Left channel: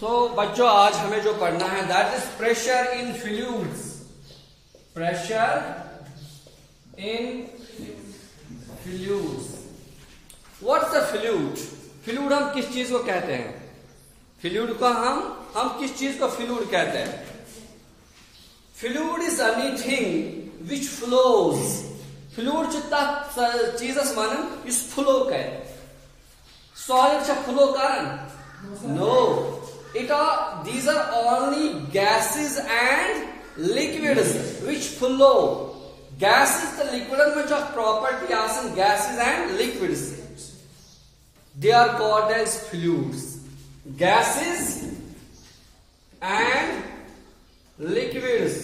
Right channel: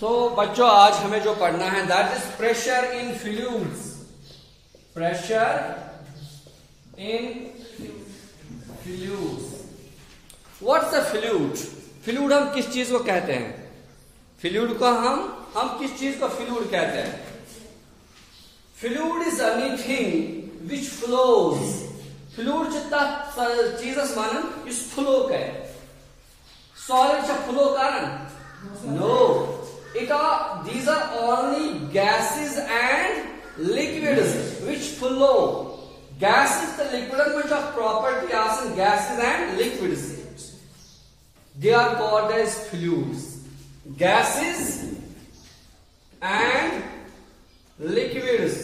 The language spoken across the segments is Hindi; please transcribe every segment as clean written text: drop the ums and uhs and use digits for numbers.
तो बच्चों आज हमें जो पढ़ना है that is pressure in fluids. Pressure in fluids. What's the fluid? Fluid हम किस चीज को कहते हैं? फ्लूइड को हम किस चीज को फ्लूइड कहते हैं? Fluid is anything which flows. Fluid जितना चीजस मानन इस फ्लो का सॉलिड से फ्लो कारण no it are these are only gases and liquids which flow. Gases the liquid which are property as in gases and liquids, they are called as fluids. Gases and liquids,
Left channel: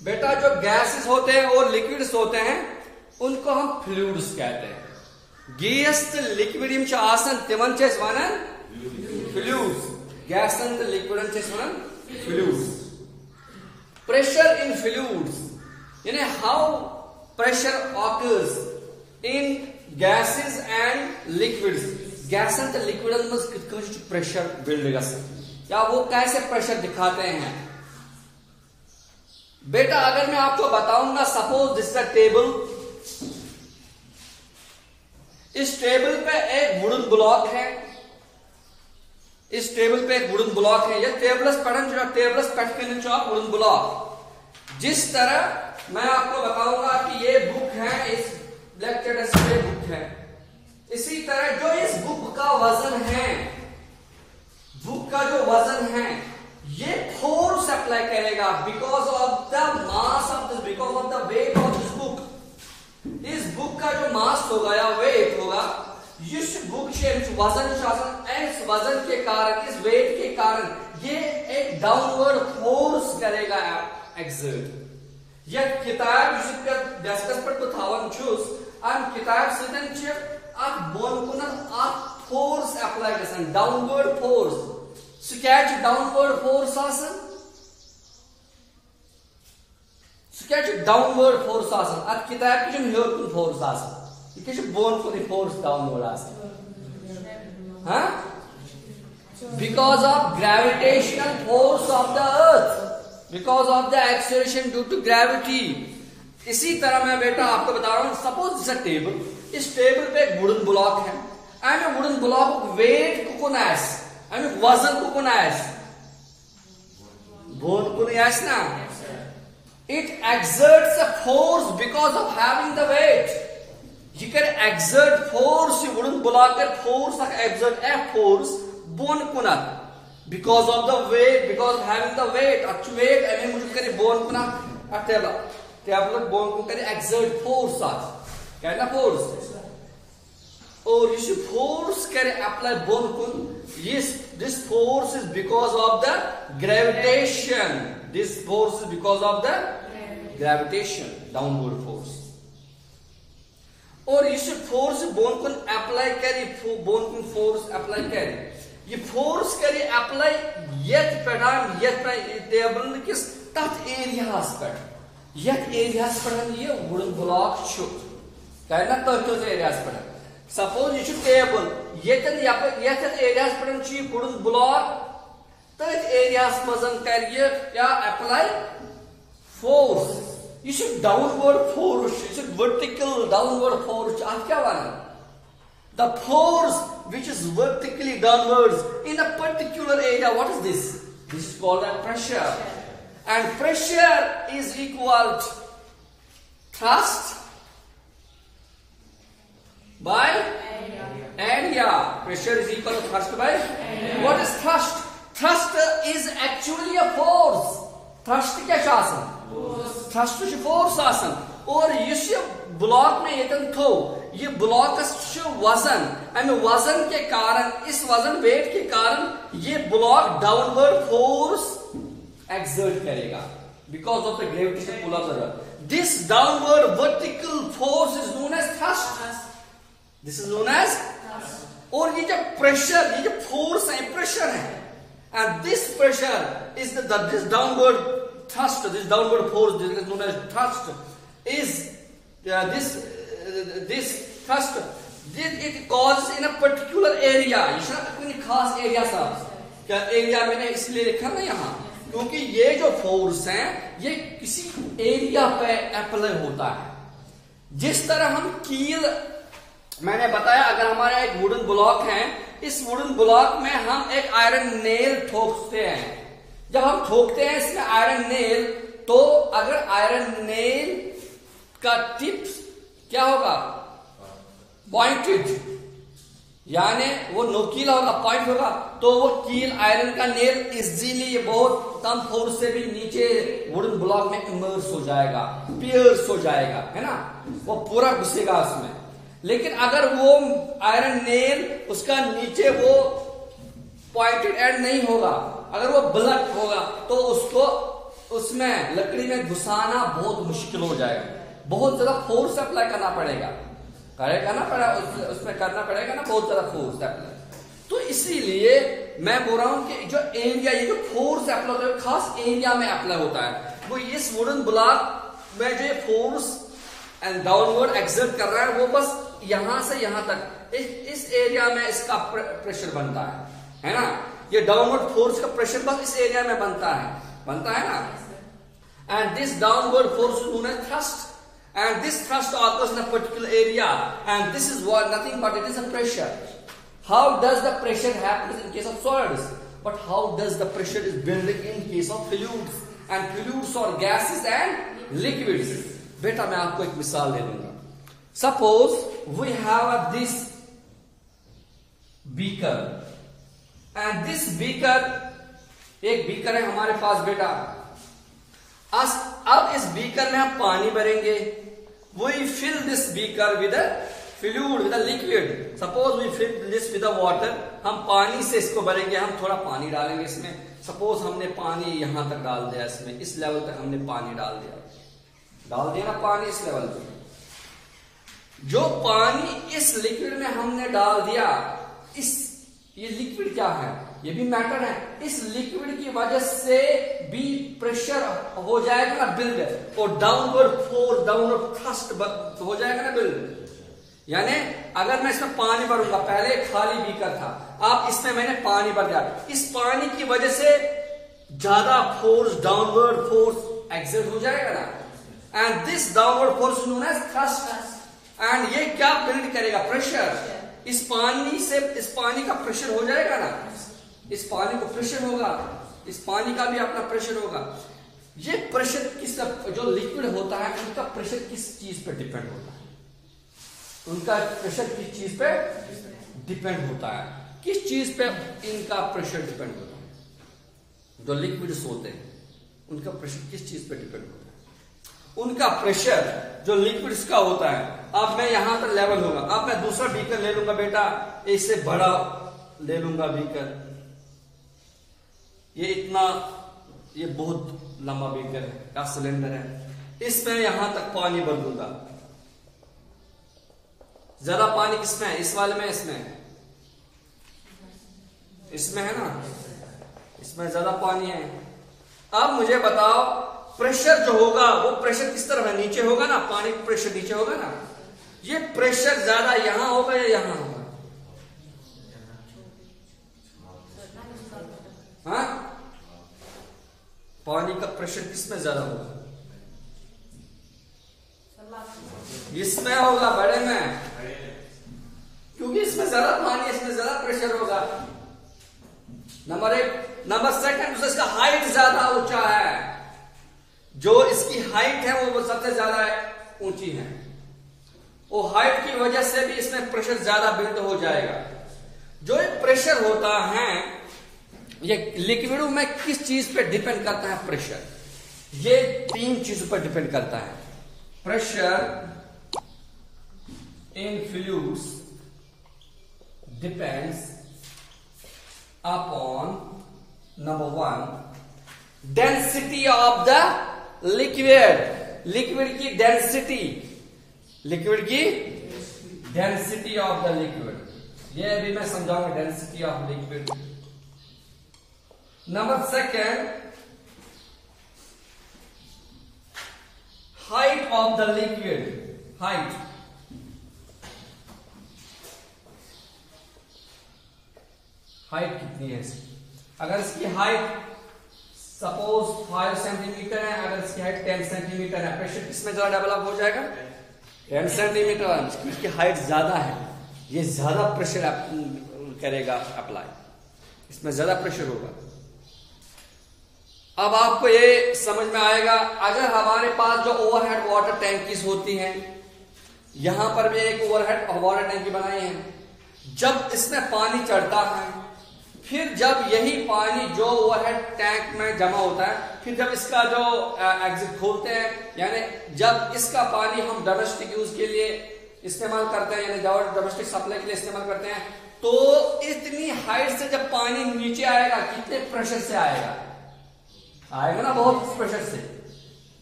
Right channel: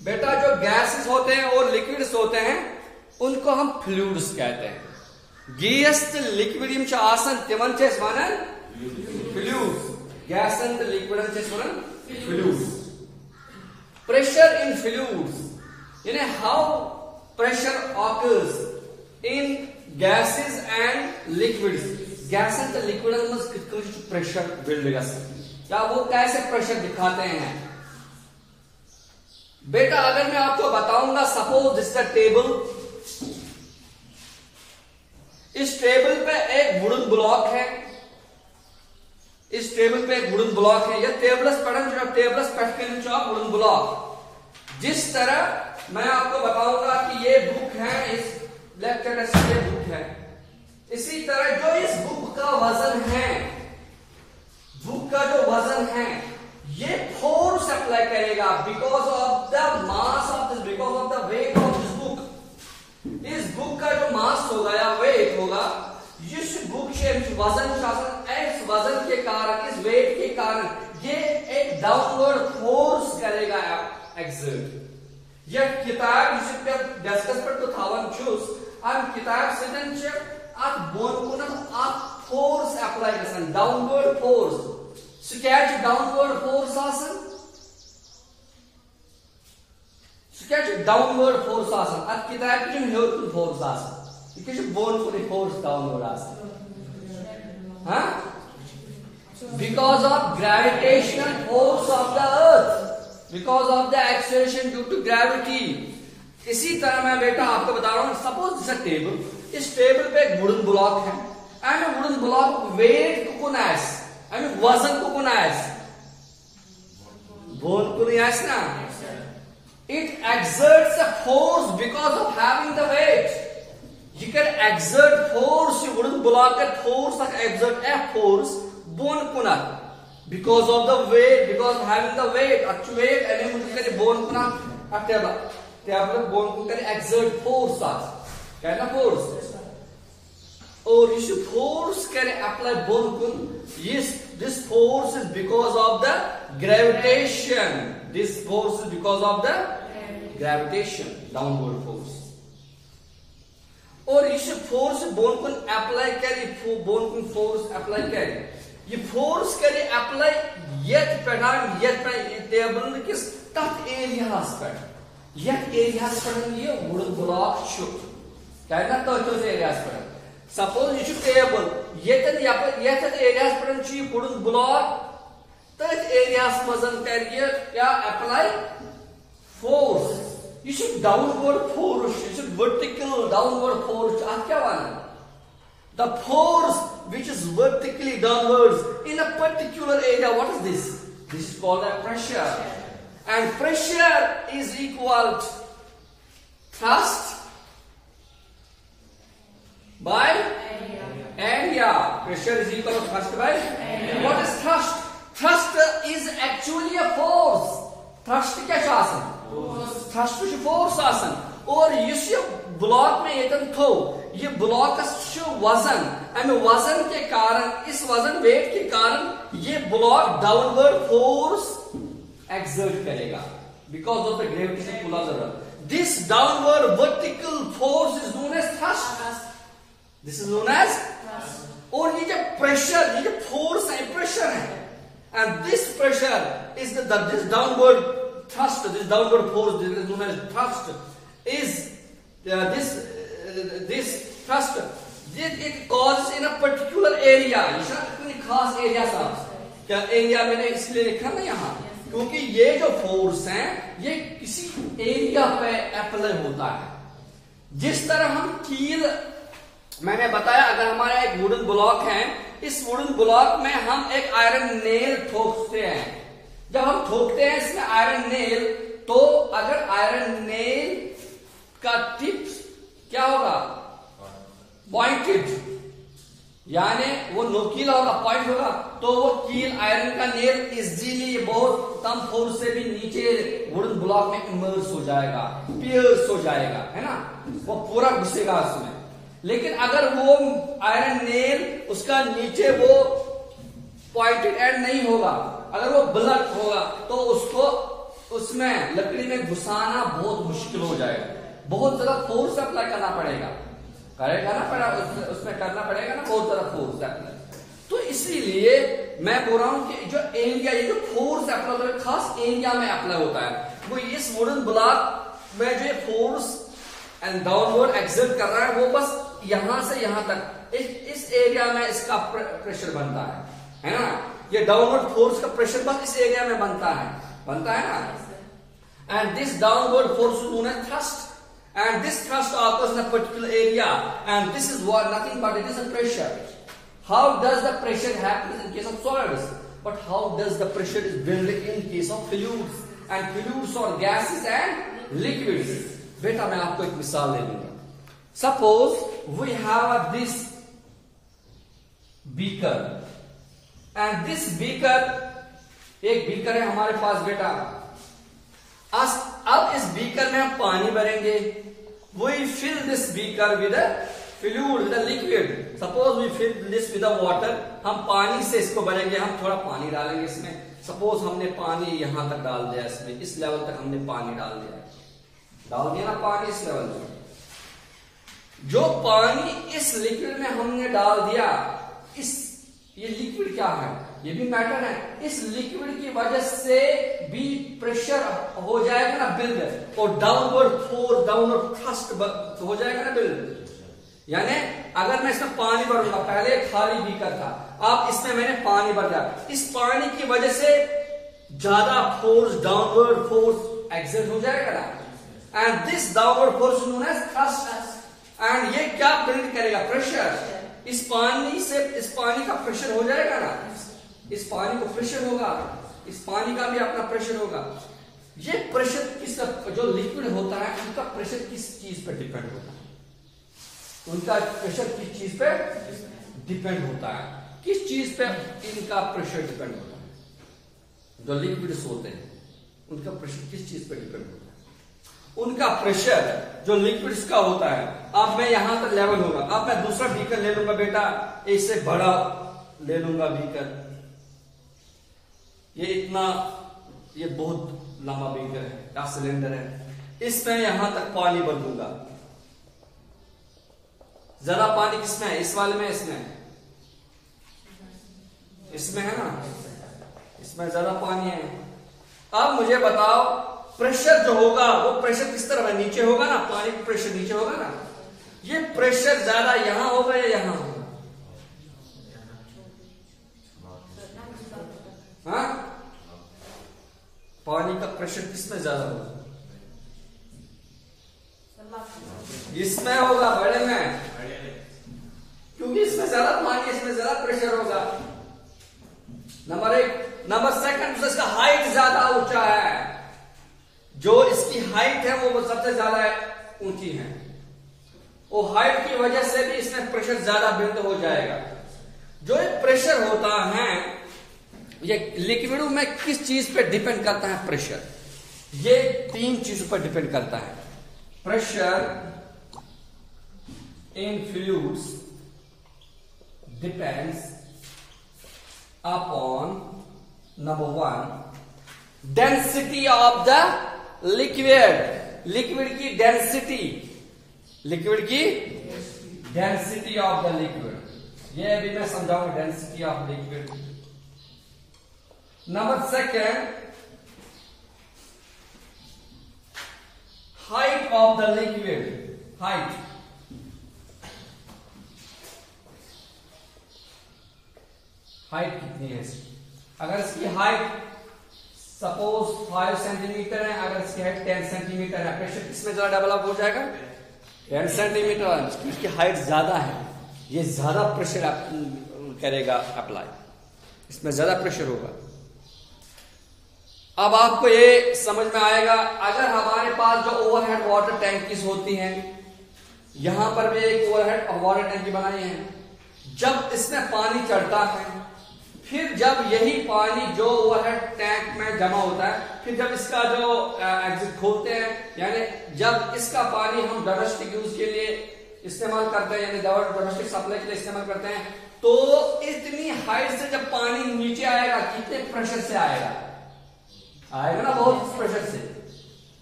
बेटा जो गैसेस होते हैं और लिक्विड्स होते हैं उनको हम फ्लूइड्स कहते हैं। गैस लिक्विड यम आसन तिमन छ वनान fluids. Gas and the liquid and just one fluids. Pressure in fluids. You know how pressure occurs in gases and liquids. Gas and the liquid must कितना pressure build होगा या वो कैसे pressure दिखाते हैं? बेटा अगर मैं आपको बताऊंगा suppose this is a table. इस टेबल पे एक वुडन ब्लॉक है। इस टेबल पे एक वुडन ब्लॉक है। यह टेबल्स पढ़न जो टेबल्स कट के नीचे वुडन ब्लॉक। जिस तरह मैं आपको बताऊंगा कि ये बुक है, इस ब्लैक कैट से बुक है, इसी तरह जो इस बुक का वजन है, बुक का जो वजन है ये फोर्स अप्लाई करेगा because of the mass of this, because of the weight of this book. इस बुक का जो मास होगा या वेट होगा, इस बुक से वजन इस वजन के कारण, इस वेट के कारण ये एक डाउनवर्ड फोर्स करेगा एक्सर्ट। यह किताब डिस्कस पर तो थावन छुस अब किताब सिदन छ अत बोन कुन अत फोर्स अप्लाई गसन downward force. Sketch downward force आसन, स्केच डाउनवर्ड फोर्स आसन अत किताब के हेयर कुन फोर्स आसन ये बोन कुन फोर्स डाउनवर्ड आसन। हाँ, because of gravitational force of the earth, because of the acceleration due to gravity। इसी तरह मैं बेटा आपको बता रहा हूं, सपोज दिस टेबल, इस टेबल पे एक वुडन ब्लॉक है एंड वुडन ब्लॉक वेट को कुन एंड वजन को कुन बोन कुन ना, it exerts a force because of having the weight. You can exert force, you wouldn't block a force, like exert a force, bone kuna, because of the weight, because of having the weight, actual weight, and you would carry bone kuna, a table bone ko carry exert force, क्या force, or you should force carry apply bone kun, yes, this force is because of the gravitation, this force is because of the gravitation, downward force। और इस फोर्स बोन को अप्लाई करे, बोन को फोर्स अप्लाई करे, ये फोर्स करे अप्लाई यत पेडान यत टेबल किस तथ एरियास पर, यत एरियास पर ये वुडन ब्लॉक छु कहना तो एरियास पर। सपोज ये टेबल यतन यत एरियास पर छु वुडन ब्लॉक तथ एरियास मजन करिए या apply force. You should downward force, you should vertical downward force। आप क्या वाला? The force which is vertically downwards in a particular area, what is this? This is called a pressure. And pressure is equal to thrust by area. Pressure is equal to thrust by area. What is thrust? Thrust is actually a force. Thrust क्या शासन? थ्रस्ट फोर्स आसन। और इस ब्लॉक में यतन थो ये ब्लॉक वजन, वजन के कारण, इस वजन वेट के कारण ये ब्लॉक डाउनवर्ड फोर्स एक्सर्ट करेगा because of the gravitation pull of the earth. This downward vertical force is known as thrust, this is known as. और ये जो प्रेशर, ये जो फोर्स है, प्रेशर है, and this pressure is this downward thrust, this downward force, this is known as thrust, is this thrust, it causes in a particular area, ये खास area सा क्या एरिया मैंने इसलिए लिखा ना यहाँ, क्योंकि ये जो फोर्स है ये किसी एरिया पे अप्लाई होता है। जिस तरह हम कील, मैंने बताया अगर हमारा एक वुडन ब्लॉक है, इस वुडन ब्लॉक में हम एक आयरन नेल ठोकते हैं। जब हम ठोकते हैं इसमें आयरन नेल, तो अगर आयरन नेल का टिप क्या होगा, पॉइंटेड, यानी वो नोकीला होगा, पॉइंट होगा, तो वो कील आयरन का नेल इजीली बहुत कम फोर्स से भी नीचे वुडन ब्लॉक में इमर्स हो जाएगा, पियर्स हो जाएगा, है ना, वो पूरा घुसेगा उसमें। लेकिन अगर वो आयरन नेल उसका नीचे वो पॉइंटेड एंड नहीं होगा, अगर वो ब्लॉक होगा, तो उसको उसमें लकड़ी में घुसाना बहुत मुश्किल हो जाएगा, बहुत ज्यादा फोर्स अप्लाई करना पड़ेगा, उसमें करना पड़ेगा ना बहुत ज्यादा फोर्स अप्लाई। तो इसीलिए मैं बोल रहा हूं कि जो एरिया, ये जो फोर्स अप्लाई होता है खास एरिया में अप्लाई होता है, वो इस वुडन ब्लॉक में जो फोर्स एंड डाउनवर्ड एक्सर्ट कर रहा है वो बस यहां से यहां तक इस एरिया में इसका प्रेशर बनता है ना, ये डाउनवर्ड फोर्स का प्रेशर बस इस एरिया में बनता है ना। And this downward force known as thrust, and this thrust occurs in a particular area, and this is what nothing but it is a pressure. How does the pressure happen in case of solids, but how does the pressure is built in case of fluids, and fluids or gases and liquids? बेटा मैं आपको एक मिसाल दे दूंगा। Suppose we have this beaker, and this beaker, एक बीकर है हमारे पास बेटा, अब इस बीकर में हम पानी भरेंगे, we fill this beaker with a fluid, with a liquid. Suppose we fill this with a water, हम पानी से इसको भरेंगे, हम थोड़ा पानी डालेंगे इसमें। सपोज हमने पानी यहां तक डाल दिया, इसमें इस लेवल तक हमने पानी डाल दिया ना पानी इस लेवल तक। जो पानी इस लिक्विड में हमने डाल दिया, ये लिक्विड क्या है, ये भी मैटर है, इस लिक्विड की वजह से भी प्रेशर हो जाएगा ना बिल्ड, और डाउनवर्ड फोर्स, डाउनवर्ड थ्रस्ट हो जाएगा ना बिल्ड। यानी अगर मैं इसमें पानी भरूंगा, पहले खाली बीकर था, अब इसमें मैंने पानी भर दिया, इस पानी की वजह से ज्यादा फोर्स, डाउनवर्ड फोर्स एक्सर्ट हो जाएगा ना, and this downward force known as thrust, and ये क्या बिल्ड करेगा, प्रेशर। इस पानी का प्रेशर हो जाएगा ना, इस पानी को प्रेशर होगा, इस पानी का भी अपना प्रेशर होगा। ये प्रेशर किसका, जो लिक्विड होता है उनका प्रेशर किस चीज पे डिपेंड होता है, उनका प्रेशर किस चीज पे डिपेंड होता है, किस चीज पे इनका प्रेशर डिपेंड होता है। जो लिक्विड्स होते हैं उनका प्रेशर किस चीज पे डिपेंड होता है, उनका प्रेशर जो लिक्विड्स का होता है। अब मैं यहां पर लेवल होगा, अब मैं दूसरा बीकर ले लूंगा बेटा, इससे बड़ा ले लूंगा बीकर, ये बहुत लंबा बीकर है, क्या सिलेंडर है, इसमें यहां तक पानी भर दूंगा। ज्यादा पानी किसमें है, इस वाले में, इसमें है ना, इसमें ज्यादा पानी है। अब मुझे बताओ प्रेशर जो होगा वो प्रेशर किस तरफ है, नीचे होगा ना, पानी का प्रेशर नीचे होगा ना, ये प्रेशर ज्यादा यहां होगा या यहां होगा, हाँ? पानी का प्रेशर किसमें ज्यादा होगा, इसमें होगा, बड़े में, क्योंकि इसमें ज्यादा पानी, इसमें ज्यादा प्रेशर होगा। नंबर 1। नंबर 2, इसका हाइट ज्यादा ऊंचा है, जो इसकी हाइट है वो सबसे ज्यादा ऊंची है, वो हाइट की वजह से भी इसमें प्रेशर ज्यादा बिल्ड हो जाएगा। जो प्रेशर होता है ये लिक्विड में किस चीज पे डिपेंड करता है, प्रेशर, ये 3 चीजों पर डिपेंड करता है। Pressure in fluids depends upon number 1 density of the liquid, liquid की density, density of the liquid, ये अभी मैं समझाऊंगा, density of liquid. Number 2 height of the liquid, height, height कितनी है इसकी, अगर इसकी हाइट सपोज 5 सेंटीमीटर है, अगर इसकी हाइट 10 सेंटीमीटर है, प्रेशर किसमें ज्यादा डेवलप हो जाएगा? 10 सेंटीमीटर। इसकी हाइट ज्यादा है, ये ज्यादा प्रेशर करेगा अप्लाई, इसमें ज्यादा प्रेशर होगा। अब आपको ये समझ में आएगा, अगर हमारे पास जो ओवरहेड वाटर टैंकीज होती हैं, यहां पर भी एक ओवरहेड वाटर टैंकी बनाई है, जब इसमें पानी चढ़ता है, फिर जब यही पानी जो ओवरहेड टैंक में जमा होता है, फिर जब इसका जो एग्जिट खोलते हैं, यानी जब इसका पानी हम डोमेस्टिक यूज के लिए इस्तेमाल करते हैं, यानी डोमेस्टिक सप्लाई के लिए इस्तेमाल करते हैं, तो इतनी हाइट से जब पानी नीचे आएगा, कितने प्रेशर से आएगा? आएगा ना बहुत प्रेशर से।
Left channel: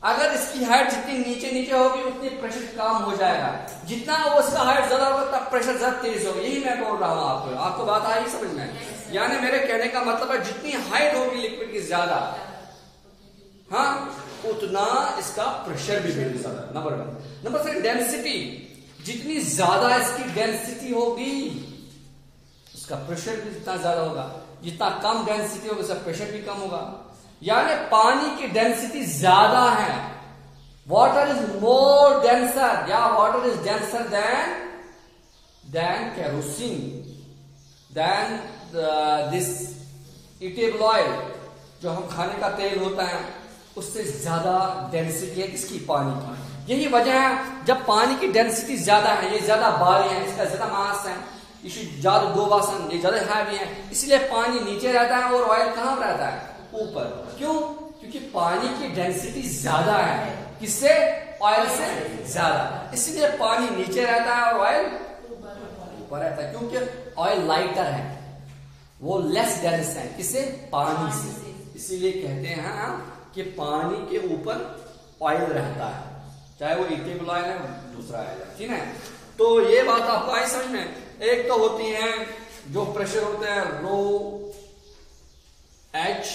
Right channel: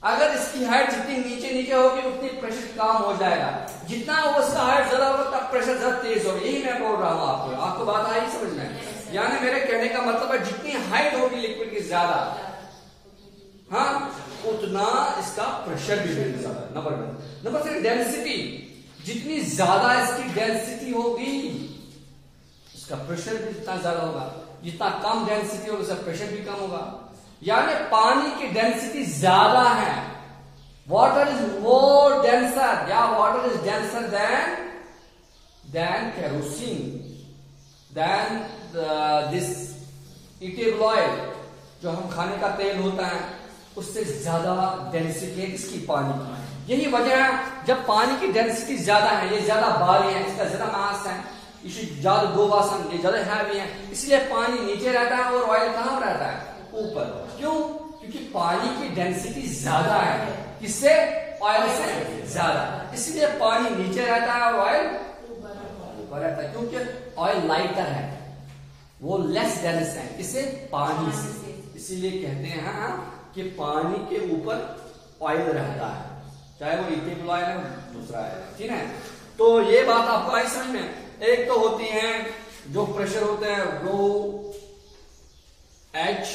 अगर इसकी हाइट जितनी नीचे होगी उतनी प्रेशर कम हो जाएगा, जितना उसका हाइट ज्यादा होगा तब प्रेशर ज्यादा तेज होगा। यही मैं बोल रहा हूं आपको बात आई समझ में? यानी मेरे कहने का मतलब है जितनी हाइट होगी लिक्विड की ज्यादा, हाँ, उतना इसका प्रेशर भी ज्यादा। नंबर 3 डेंसिटी, जितनी ज्यादा इसकी डेंसिटी होगी उसका प्रेशर भी जितना ज्यादा होगा, जितना कम डेंसिटी होगा उसका प्रेशर भी कम होगा। यानी पानी की डेंसिटी ज्यादा है, वाटर इज मोर डेंसर, या water is denser than kerosene, then this eatable oil, जो हम खाने का तेल होता है, उससे ज्यादा डेंसिटी है इसकी पानी की। यही वजह है, जब पानी की डेंसिटी ज्यादा है, ये ज्यादा भारी है, इसका ज्यादा मास है, इसे ज्यादा गोवासन, ये ज्यादा हैवी है, इसलिए पानी नीचे रहता है और ऑयल कहां रहता है? ऊपर। क्यों? क्योंकि पानी की डेंसिटी ज्यादा है, किससे? ऑयल से ज्यादा, इसलिए पानी नीचे रहता है और ऑयल ऊपर रहता है। क्योंकि ऑयल लाइटर है, वो लेस डेंस है, किससे? पानी से। इसीलिए कहते हैं कि पानी के ऊपर ऑयल रहता है, चाहे वो ईटेबल ऑयल है, दूसरा ऑयल है, ठीक है? तो ये बात आपको आई समझ में? एक तो होती है जो प्रेशर होते हैं रो एच,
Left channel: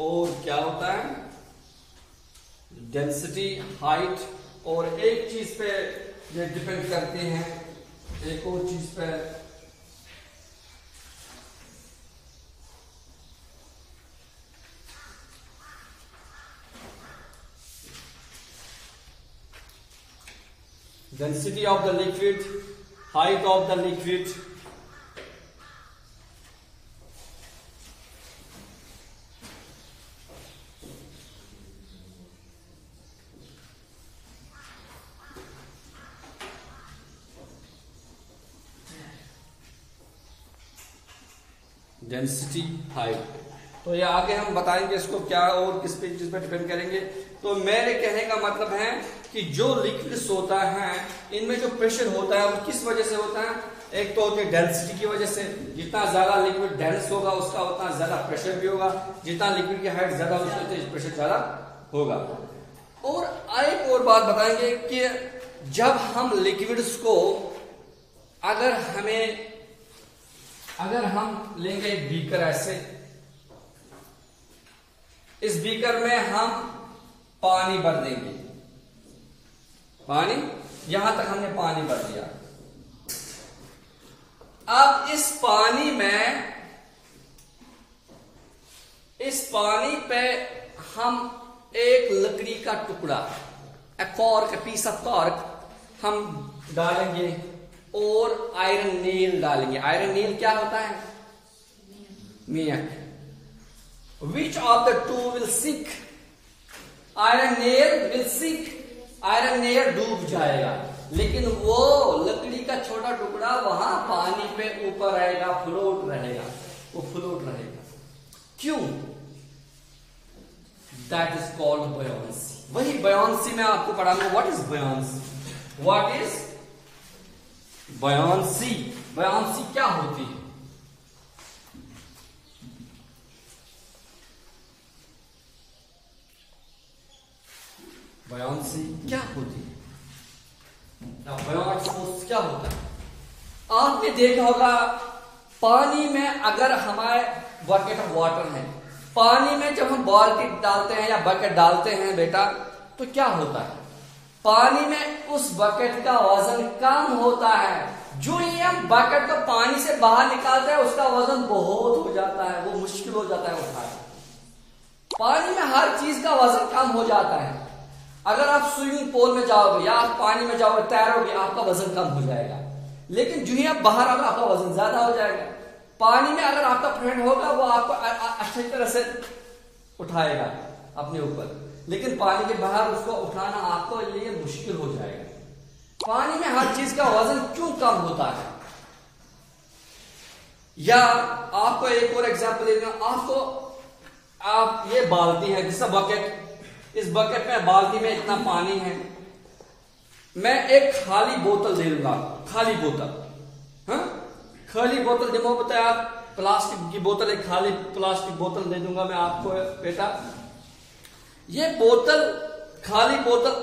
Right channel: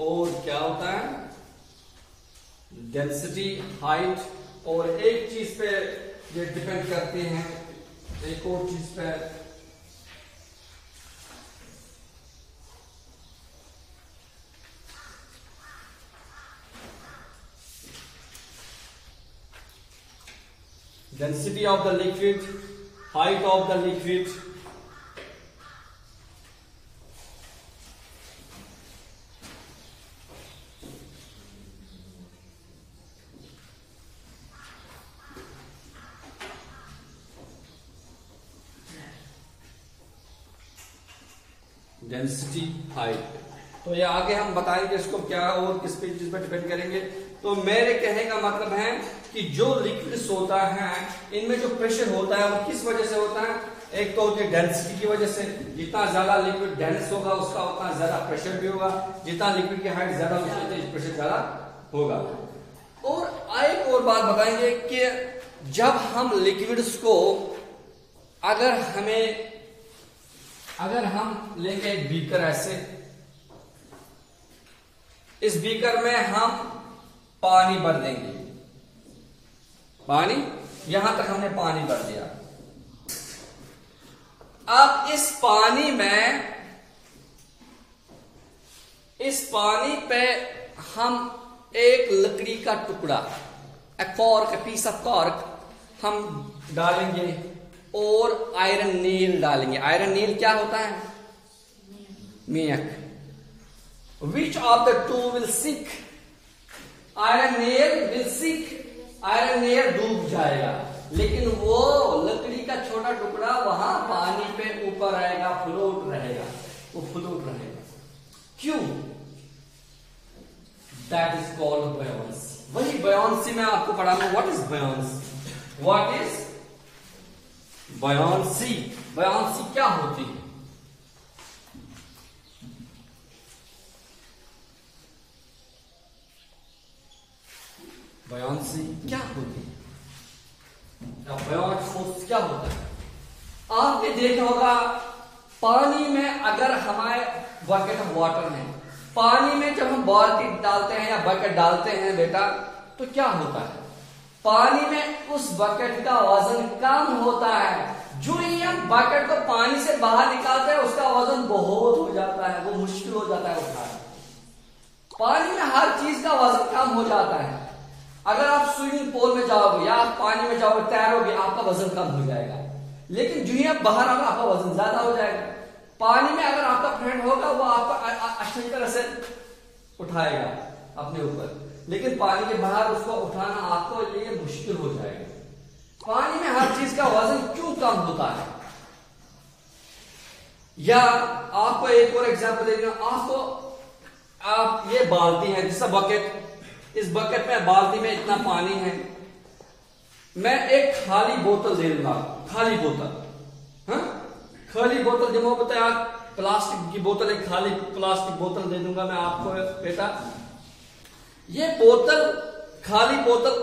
और क्या होता है डेंसिटी, हाइट, और एक चीज पे ये डिपेंड करते हैं, एक और चीज पे, density of the liquid, height of the liquid, density, height. तो ये आगे हम बताएंगे इसको क्या और किस पे चीज पर डिपेंड करेंगे। तो मेरे कहने का मतलब है कि जो लिक्विड्स होता है, इनमें जो प्रेशर होता है वो किस वजह से होता है? एक तो होती है डेंसिटी की वजह से, जितना ज्यादा लिक्विड डेंस होगा उसका उतना ज्यादा प्रेशर भी होगा, जितना लिक्विड की हाइट ज्यादा होगी उतना प्रेशर ज्यादा होगा। और एक और बात बताएंगे कि जब हम लिक्विड्स को अगर हम लेंगे एक बीकर ऐसे, इस बीकर में हम पानी भर देंगे, पानी, यहां तक हमने पानी भर दिया। अब इस पानी पे हम एक लकड़ी का टुकड़ा, पीस ऑफ कॉर्क हम डालेंगे और आयरन नील डालेंगे। आयरन नील क्या होता है? मियक। Which of the two will sink? Iron nail will sink, iron nail डूब जाएगा, लेकिन वो लकड़ी का छोटा टुकड़ा वहां पानी पे ऊपर रहेगा, फ्लोट रहेगा, वो फ्लोट रहेगा। क्यों? That is called buoyancy. वही बयान्सी मैं आपको पढ़ा लूं। What is buoyancy? What is buoyancy? Buoyancy क्या होती है? बयान्सी क्या होती है? बयान्सी क्या होता है? आपने देखा होगा पानी में, अगर हमारे बकेट ऑफ वाटर है, पानी में जब हम बाल्टी डालते हैं या बकेट डालते हैं बेटा, तो क्या होता है? पानी में उस बकेट का वजन कम होता है, जो ये हम बकेट को पानी से बाहर निकालते हैं उसका वजन बहुत हो जाता है, वो मुश्किल हो जाता है उठाना। पानी में हर चीज का वजन कम हो जाता है। अगर आप स्विमिंग पूल में जाओगे या आप पानी में जाओगे, तैरोगे, आपका वजन कम हो जाएगा। लेकिन जो ही आप बाहर आओगे आपका वजन ज्यादा हो जाएगा। पानी में अगर आपका फ्रेंड होगा वो आपको अच्छी तरह से उठाएगा अपने ऊपर, लेकिन पानी के बाहर उसको उठाना आपको लिए मुश्किल हो जाएगा। पानी में हर चीज का वजन क्यों कम होता है? या आपको एक और एग्जांपल देगा। आप ये बाल्टी है, जैसा बकेट, इस बकेट में बाल्टी में इतना पानी है, मैं एक खाली बोतल दे दूंगा, खाली बोतल, हाँ खाली बोतल जमा बताया, प्लास्टिक की बोतल, एक खाली प्लास्टिक बोतल दे दूंगा मैं आपको। बेटा ये बोतल, खाली बोतल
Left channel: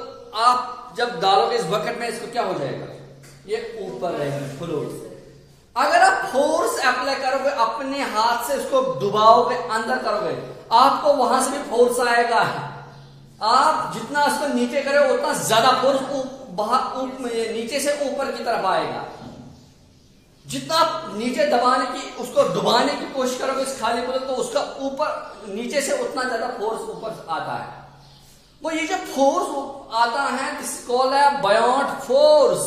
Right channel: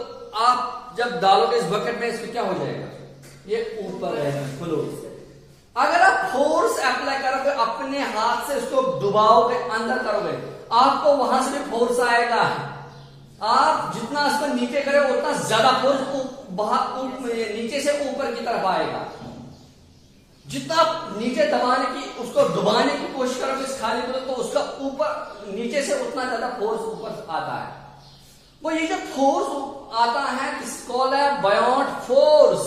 आप जब डालोगे इस बकेट में, इसको क्या हो जाएगा? ये ऊपर रहेगा फ्लोर। अगर आप फोर्स अप्लाई करोगे, अपने हाथ से इसको डुबाओगे, अंदर करोगे, आपको वहां से भी फोर्स आएगा। आप जितना इसको नीचे करोगे उतना ज्यादा फोर्स नीचे से ऊपर की तरफ आएगा। जितना आप नीचे दबाने की, उसको डुबाने की कोशिश करोगे इस खाली बोतल, तो उसका ऊपर नीचे से उतना ज्यादा फोर्स ऊपर आता है। वो ये जो फोर्स आता है, इसको कॉल्ड है बायोंट फोर्स,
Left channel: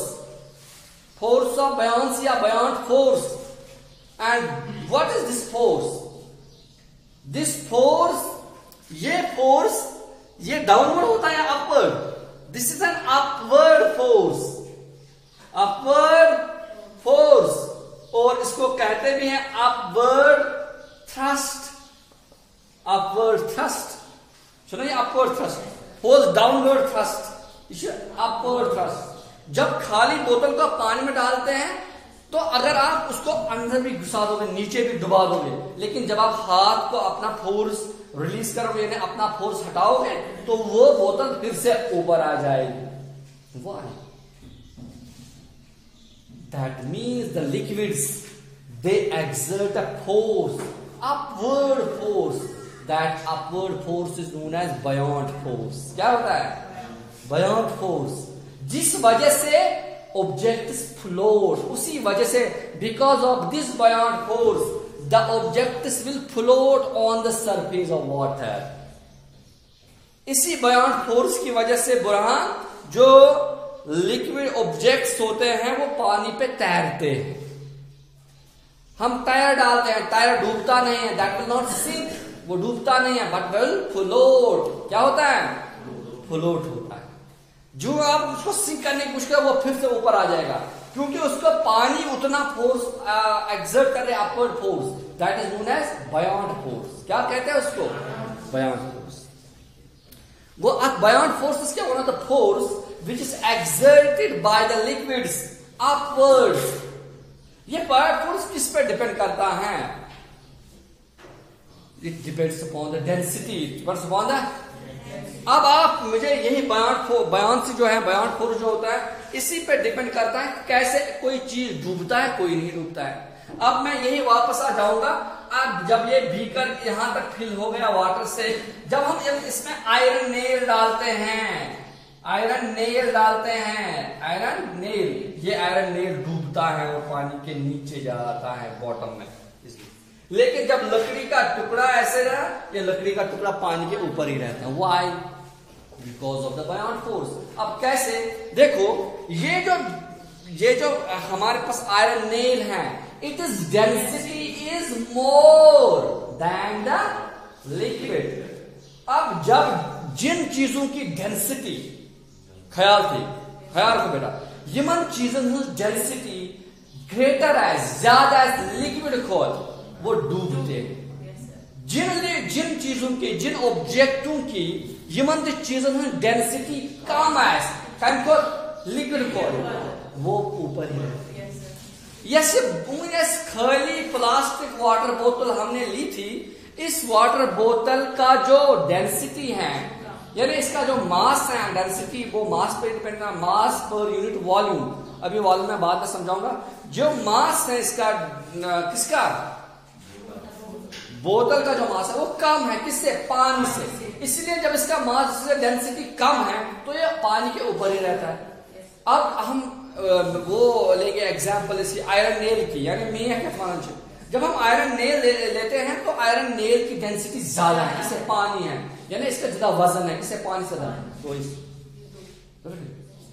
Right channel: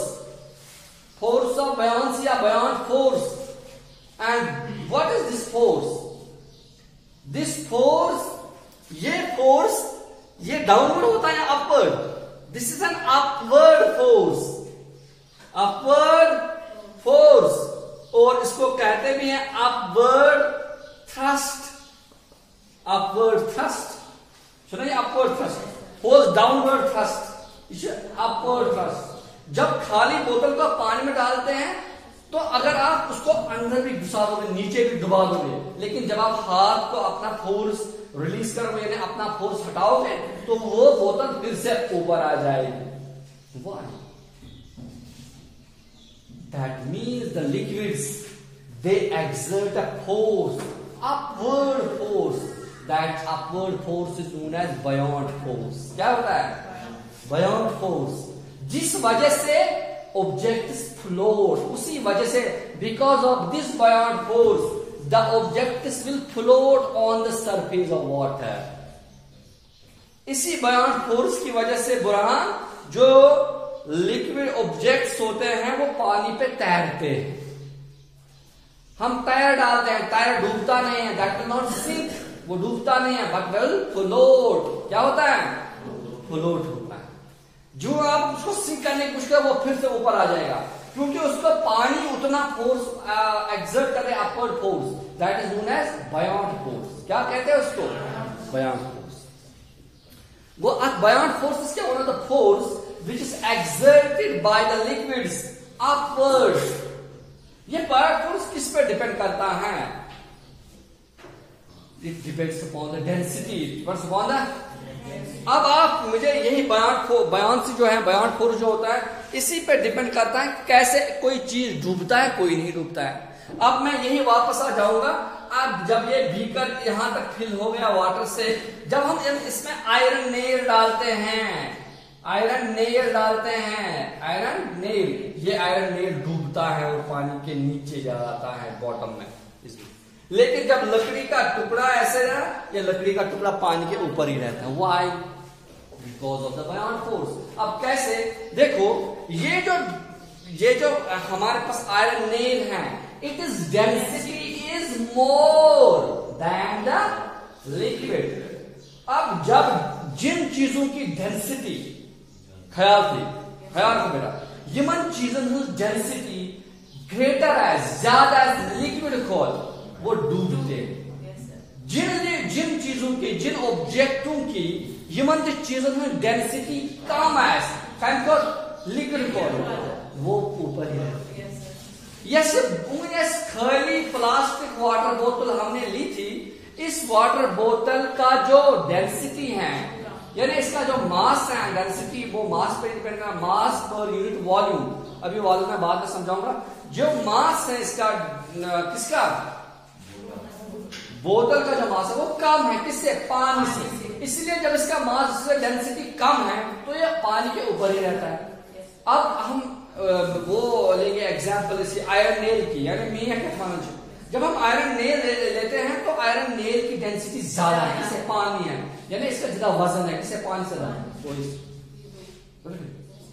फोर्स ऑफ बायोंसी या बायोंट force. And what is this force? This force, ये फोर्स, ये डाउनवर्ड होता है upward? This is an upward force, upward force, और इसको कहते भी हैं अपवर्ड थ्रस्ट, अपवर्ड थ्रस्ट। सुनिए, upward thrust, force downward thrust, upward thrust. जब खाली बोतल को पानी में डालते हैं तो अगर आप उसको अंदर भी घुसा दोगे, नीचे भी डुबा दोगे, लेकिन जब आप हाथ को अपना फोर्स रिलीज करोगे, यानी अपना फोर्स हटाओगे, तो वो बोतल फिर से ऊपर आ जाएगी। Why? That means the liquids, they exert a force, upward force. That upward force is known as buoyant force. क्या होता है? Buoyant force. जिस वजह से objects float, उसी वजह से, because of this buoyant force, the objects will float on the surface of water. इसी buoyant force की वजह से बुरहान, जो लिक्विड ऑब्जेक्ट्स होते हैं वो पानी पे तैरते हैं। हम टायर डालते हैं, टायर डूबता नहीं है, दैट विल नॉट सिंक, वो डूबता नहीं है, बट विल फ्लोट। क्या होता है? फ्लोट होता है। जो आप उसको सिंक करने की कोशिश करें, वो फिर से ऊपर आ जाएगा, क्योंकि उसका पानी उतना फोर्स एक्सर्ट कर रहा है, upward force, that is known as buoyant force. क्या कहते हैं उसको? Buoyant force. वो buoyant force is one of the force which is exerted by the liquids upwards. ये बायोंट फोर्स किस पर डिपेंड करता है? It depends upon the density. What's upon that? अब आप मुझे यही बायोंसी जो है, बायोंट फोर्स जो होता है, इसी पे डिपेंड करता है कैसे कोई चीज डूबता है, कोई नहीं डूबता है। अब मैं यही वापस आ जाऊंगा। अब जब ये बीकर यहां तक फिल हो गया वाटर से, जब हम इसमें आयरन नेल डालते हैं, आयरन नेल डालते हैं, आयरन नेल, ये आयरन नेल डूबता है और पानी के नीचे जाता है बॉटम में। लेकिन जब लकड़ी का टुकड़ा ऐसे रहा, ये लकड़ी का टुकड़ा पानी के ऊपर ही रहता है। Why? Because of the बायोंट force. अब कैसे? देखो, ये जो हमारे पास आयरन नेल है, it is density is more than the liquid. अब जब जिन चीजों की डेंसिटी, ख्याल से बेटा, यमन चीजों की डेंसिटी ग्रेटर है, ज्यादा है लिक्विड खोल, वो डूबते हैं। जिन चीजों की, जिन ऑब्जेक्टों की यमन चीजों की डेंसिटी कम है, लिक्विड खोल, वो ऊपर ही रहते हैं। जैसे खाली प्लास्टिक वाटर बोतल हमने ली थी, इस वाटर बोतल का जो डेंसिटी है, यानी इसका जो मास है, डेंसिटी, वो मास पे डिपेंड करता है, मास पर यूनिट वॉल्यूम। अभी वॉल्यूम मैं बाद में समझाऊंगा। जो मास है इसका, किसका? बोतल का जो मास है वो कम है, किससे? पानी से। इसलिए जब इसका मास, इसका डेंसिटी कम है, तो ये पानी के ऊपर ही रहता है। अब हम वो लेंगे एग्जाम्पल इसी आयरन नेल की, यानी मियां के पांच। जब हम आयरन नेल लेते हैं तो आयरन नेल की डेंसिटी ज्यादा है, इसे पानी है, यानी इसका ज्यादा वजन है, इसे पानी से ज्यादा। तो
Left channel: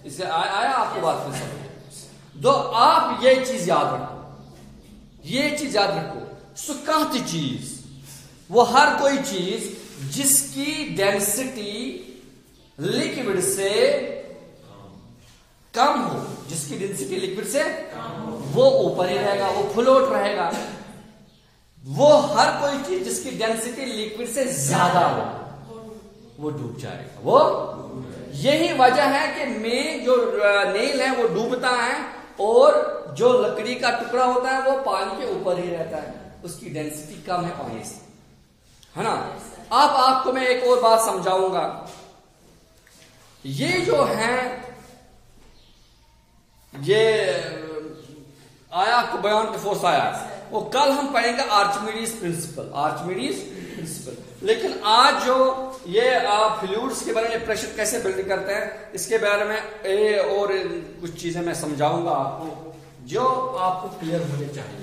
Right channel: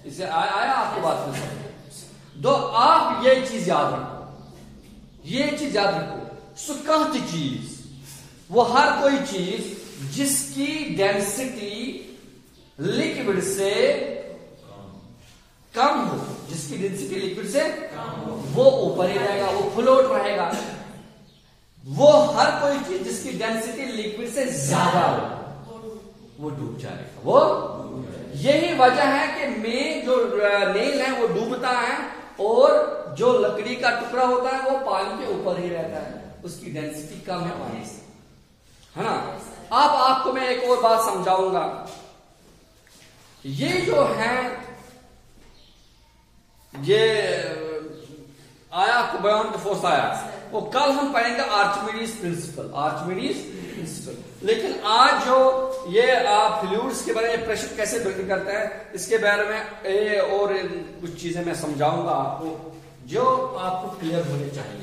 इससे आया आपको बात में। तो आप ये चीज याद रखो, ये चीज याद रखो, सुकाती चीज वो हर कोई चीज जिसकी डेंसिटी लिक्विड से कम हो, जिसकी डेंसिटी लिक्विड से वो ऊपर ही रहेगा, वो फ्लोट रहेगा। वो हर कोई चीज जिसकी डेंसिटी लिक्विड से ज्यादा हो वो डूब जाएगा। वो यही वजह है कि मेन जो नेल है वो डूबता है और जो लकड़ी का टुकड़ा होता है वो पानी के ऊपर ही रहता है, उसकी डेंसिटी कम है पानी से, है ना। अब आपको मैं एक और बात समझाऊंगा। ये जो है ये आया बयान के फोर्स आया, वो कल हम पढ़ेंगे आर्चिमिडीज प्रिंसिपल। लेकिन आज जो ये आप फ्लूइड्स के बारे में प्रेशर कैसे बिल्ड करते हैं इसके बारे में और कुछ चीजें मैं समझाऊंगा आपको, जो आपको क्लियर होने चाहिए।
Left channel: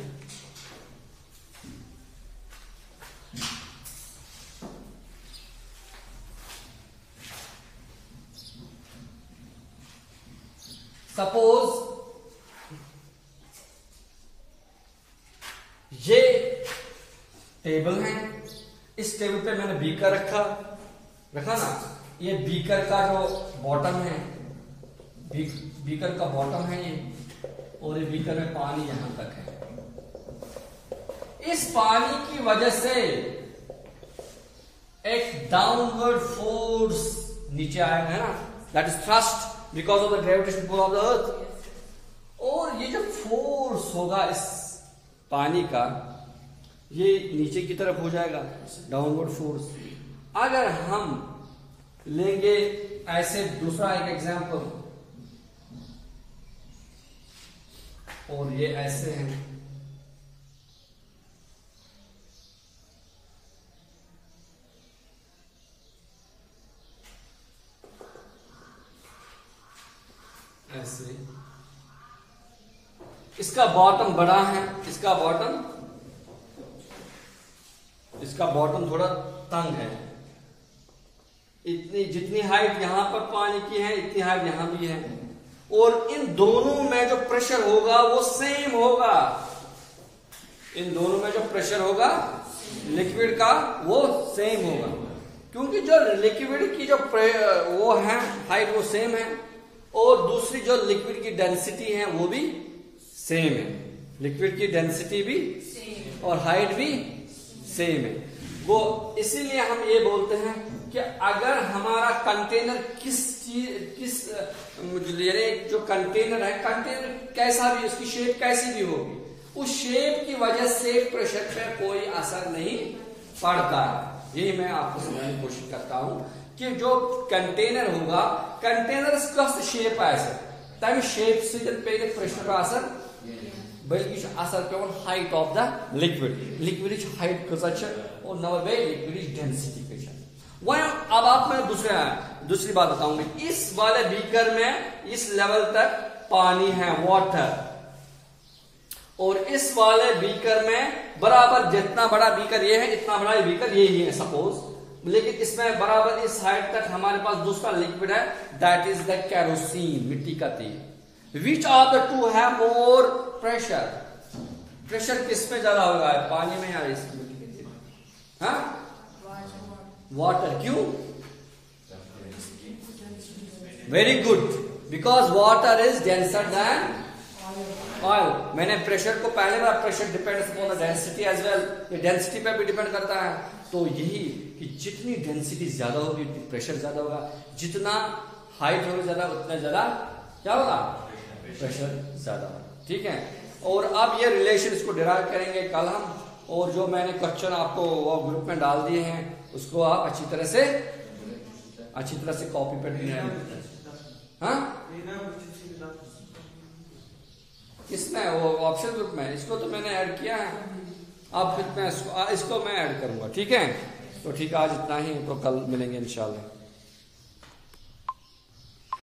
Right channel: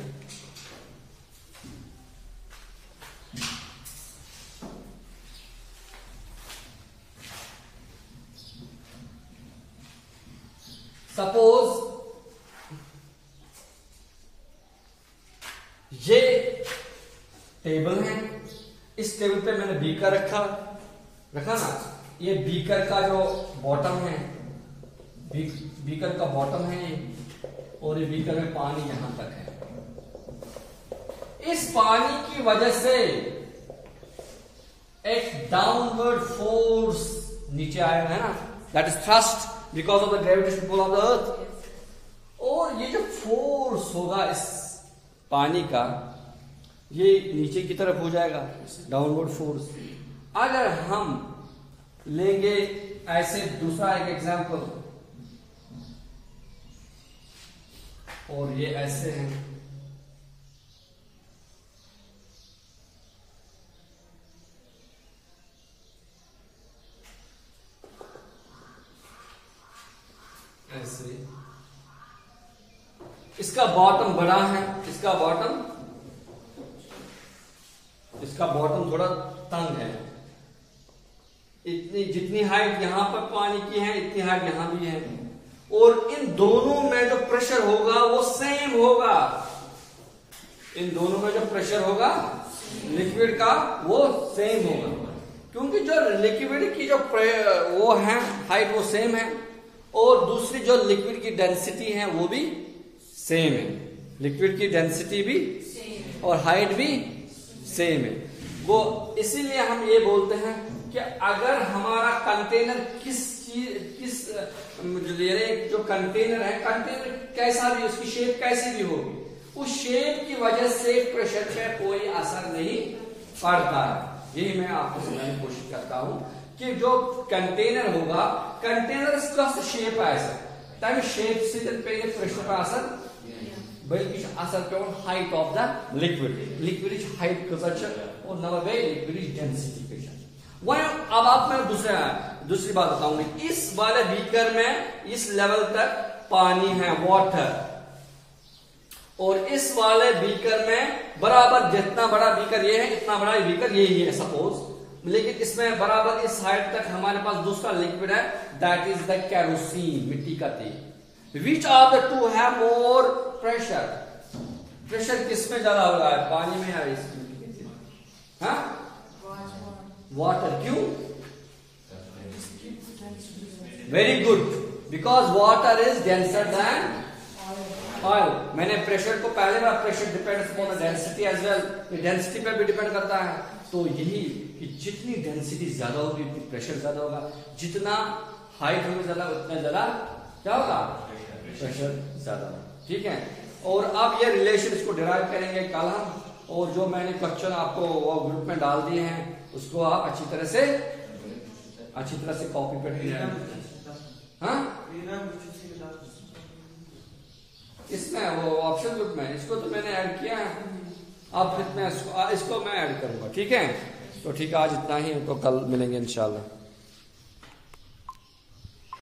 सपोज ये टेबल है, इस टेबल पे मैंने बीकर रखा ना, ये बीकर का जो बॉटम है, बीकर का बॉटम है ये, और ये बीकर में पानी यहां तक है। इस पानी की वजह से एक डाउनवर्ड फोर्स नीचे आया है ना, that is thrust because of the gravitation pull of the earth. और ये जो फोर्स होगा इस पानी का, ये नीचे की तरफ हो जाएगा, डाउनवर्ड फोर्स। अगर हम लेंगे ऐसे दूसरा एक एग्जांपल, और ये ऐसे हैं, ऐसे, इसका बॉटम बड़ा है, इसका बॉटम थोड़ा तंग है। इतनी जितनी हाइट यहां पर पानी की है इतनी हाइट यहां भी है, और इन दोनों में जो प्रेशर होगा वो सेम होगा। इन दोनों में जो प्रेशर होगा लिक्विड का वो सेम होगा, क्योंकि जो लिक्विड की जो वो है हाइट वो सेम है, और दूसरी जो लिक्विड की डेंसिटी है वो भी सेम है। लिक्विड की डेंसिटी भी और हाइट भी सेम है। वो इसीलिए हम ये बोलते हैं कि अगर हमारा कंटेनर किस जो कंटेनर है, कंटेनर कैसा भी, उसकी शेप कैसी भी होगी, उस शेप की वजह से प्रेशर पर कोई असर नहीं पड़ता है। यही मैं आपको समझाने की कोशिश करता हूं कि जो कंटेनर होगा, कंटेनर का शेप ऐसा तभी शेप से प्रेशर का असर, बल्कि असर केवल height of the liquid is height और नवर वे लिक्विड इज डेंसिटी। अब आप मैं दूसरी बात बताऊंगी। इस वाले बीकर में इस लेवल तक पानी है, वाटर, और इस वाले बीकर में बराबर जितना बड़ा बीकर ये है इतना बड़ा बीकर ये ही है सपोज, लेकिन इसमें बराबर इस हाइट तक हमारे पास दूसरा लिक्विड है, दैट इज द केरोसिन, मिट्टी का तेल। Which are the two have more pressure? Pressure किसमें ज्यादा हो रहा है, पानी में या इसमें? वाटर। क्यों? Very good, because water is denser than oil. मैंने प्रेशर को पहले बार, pressure depends upon the density as well, density पे भी डिपेंड करता है। तो यही कि जितनी डेंसिटी ज्यादा होगी उतनी प्रेशर ज्यादा होगा, जितना हाइट होगी ज्यादा उतना ज्यादा क्या होगा, प्रेशर ज्यादा होगा। ठीक है, और अब ये रिलेशन इसको डिराइव करेंगे कल हम, और जो मैंने क्वेश्चन आपको ग्रुप में डाल दिए हैं उसको आप अच्छी तरह से कॉपी पेस्ट इसमें वो ऑप्शन ग्रुप में, इसको तो मैंने ऐड किया है, अब इसको मैं ऐड करूंगा। ठीक है, तो ठीक है, आज इतना ही, तो कल मिलेंगे इंशाल्लाह।